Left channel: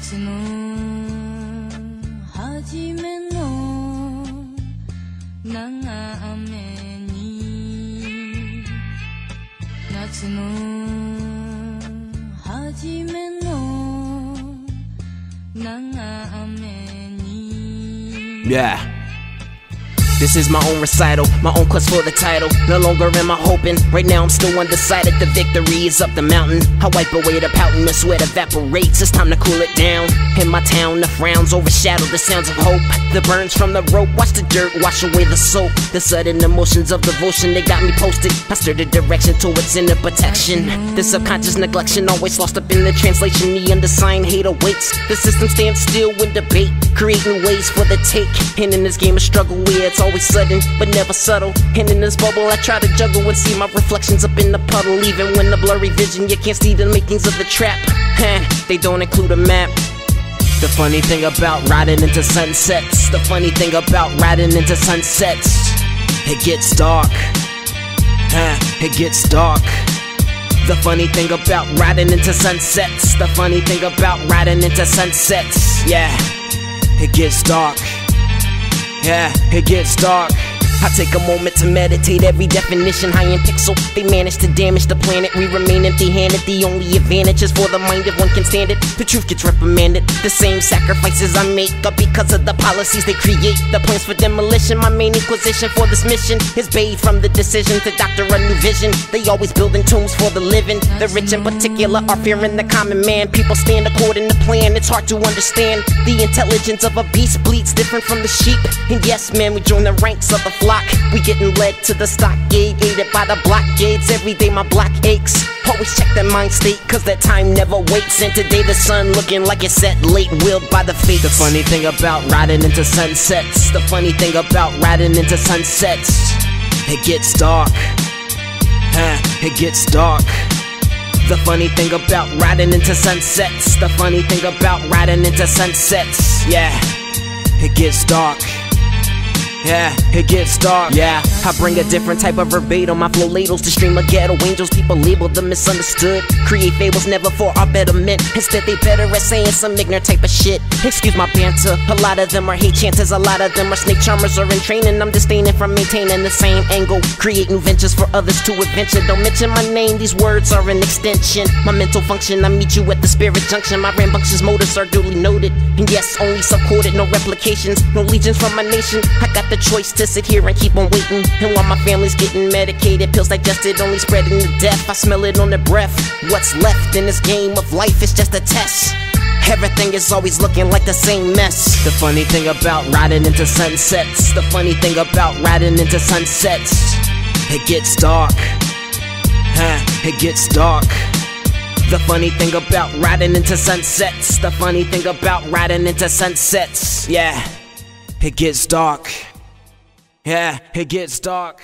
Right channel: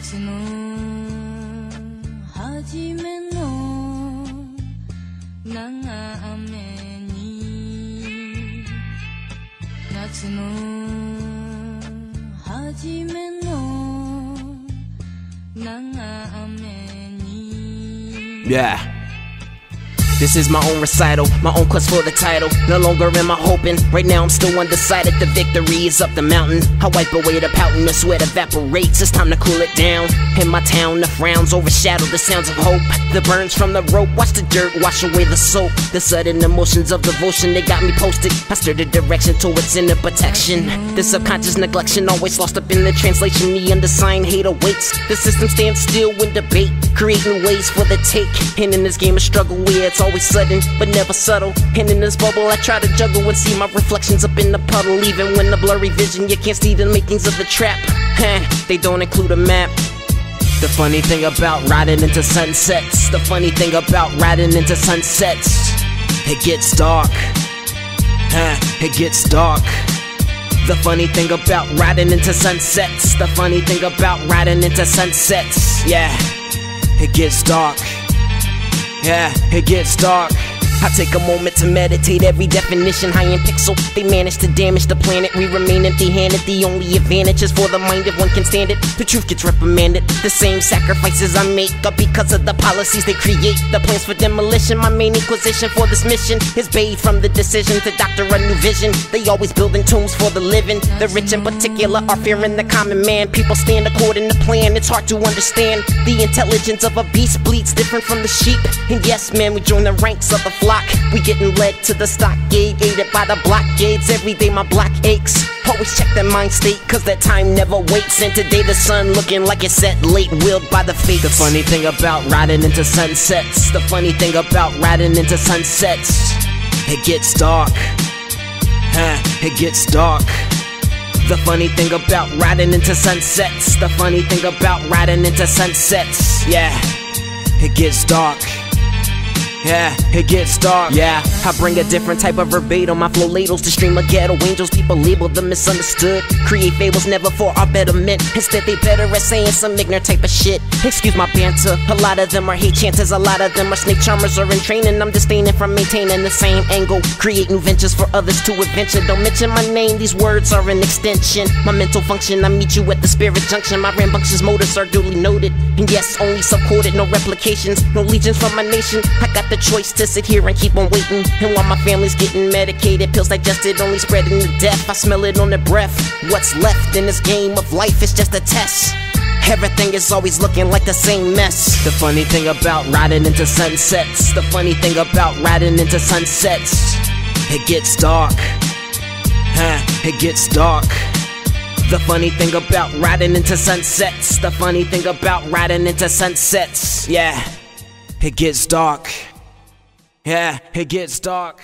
夏の初めの長雨に夏の初めの長雨に Yeah. This is my own recital, my own quest for the title. No longer am I hoping, right now I'm still undecided. The victory is up the mountain. I wipe away the pouting, the sweat evaporates. It's time to cool it down. In my town, the frowns overshadow the sounds of hope. The burns from the rope, watch the dirt wash away the soap. The sudden emotions of devotion, they got me posted. I steer the direction towards inner protection. The subconscious neglection, always lost up in the translation. The undersigned hate awaits. The system stands still in debate, creating ways for the take. And in this game of struggle where it's always sudden, but never subtle. And in this bubble I try to juggle and see my reflections up in the puddle. Even when the blurry vision, you can't see the makings of the trap. They don't include a map. The funny thing about riding into sunsets, the funny thing about riding into sunsets, it gets dark. It gets dark. The funny thing about riding into sunsets, the funny thing about riding into sunsets, yeah, it gets dark. Yeah, it gets dark. I take a moment to meditate every definition, high in pixel. They manage to damage the planet, we remain empty-handed. The only advantage is for the mind if one can stand it. The truth gets reprimanded. The same sacrifices I make are because of the policies they create. The plans for demolition, my main inquisition for this mission is bathed from the decision to doctor a new vision. They always building tombs for the living. The rich in particular are fearing the common man. People stand according to plan, it's hard to understand. The intelligence of a beast bleeds different from the sheep. And yes, man, we join the ranks of the flock. We getting led to the stockade, aided by the blockades. Every day my block aches. Always check that mind state, cause that time never waits. And today the sun looking like it's set late, willed by the fates. The funny thing about riding into sunsets, the funny thing about riding into sunsets, it gets dark. It gets dark. The funny thing about riding into sunsets, the funny thing about riding into sunsets, yeah, it gets dark. Yeah, it gets dark. Yeah, I bring a different type of verbatim. My flow ladles to stream of ghetto angels. People label them misunderstood. Create fables never for our betterment. Instead they better at saying some ignorant type of shit. Excuse my banter. A lot of them are hate chances. A lot of them are snake charmers or in training. I'm disdaining from maintaining the same angle. Create new ventures for others to adventure. Don't mention my name, these words are an extension. My mental function, I meet you at the spirit junction. My rambunctious motives are duly noted. And yes, only subcoded, no replications. No legions from my nation. I got the choice to sit here and keep on waiting. And while my family's getting medicated, pills digested, only spreading the death. I smell it on their breath. What's left in this game of life is just a test. Everything is always looking like the same mess. The funny thing about riding into sunsets, the funny thing about riding into sunsets, it gets dark. It gets dark. The funny thing about riding into sunsets, the funny thing about riding into sunsets, yeah, it gets dark. Yeah, it gets dark.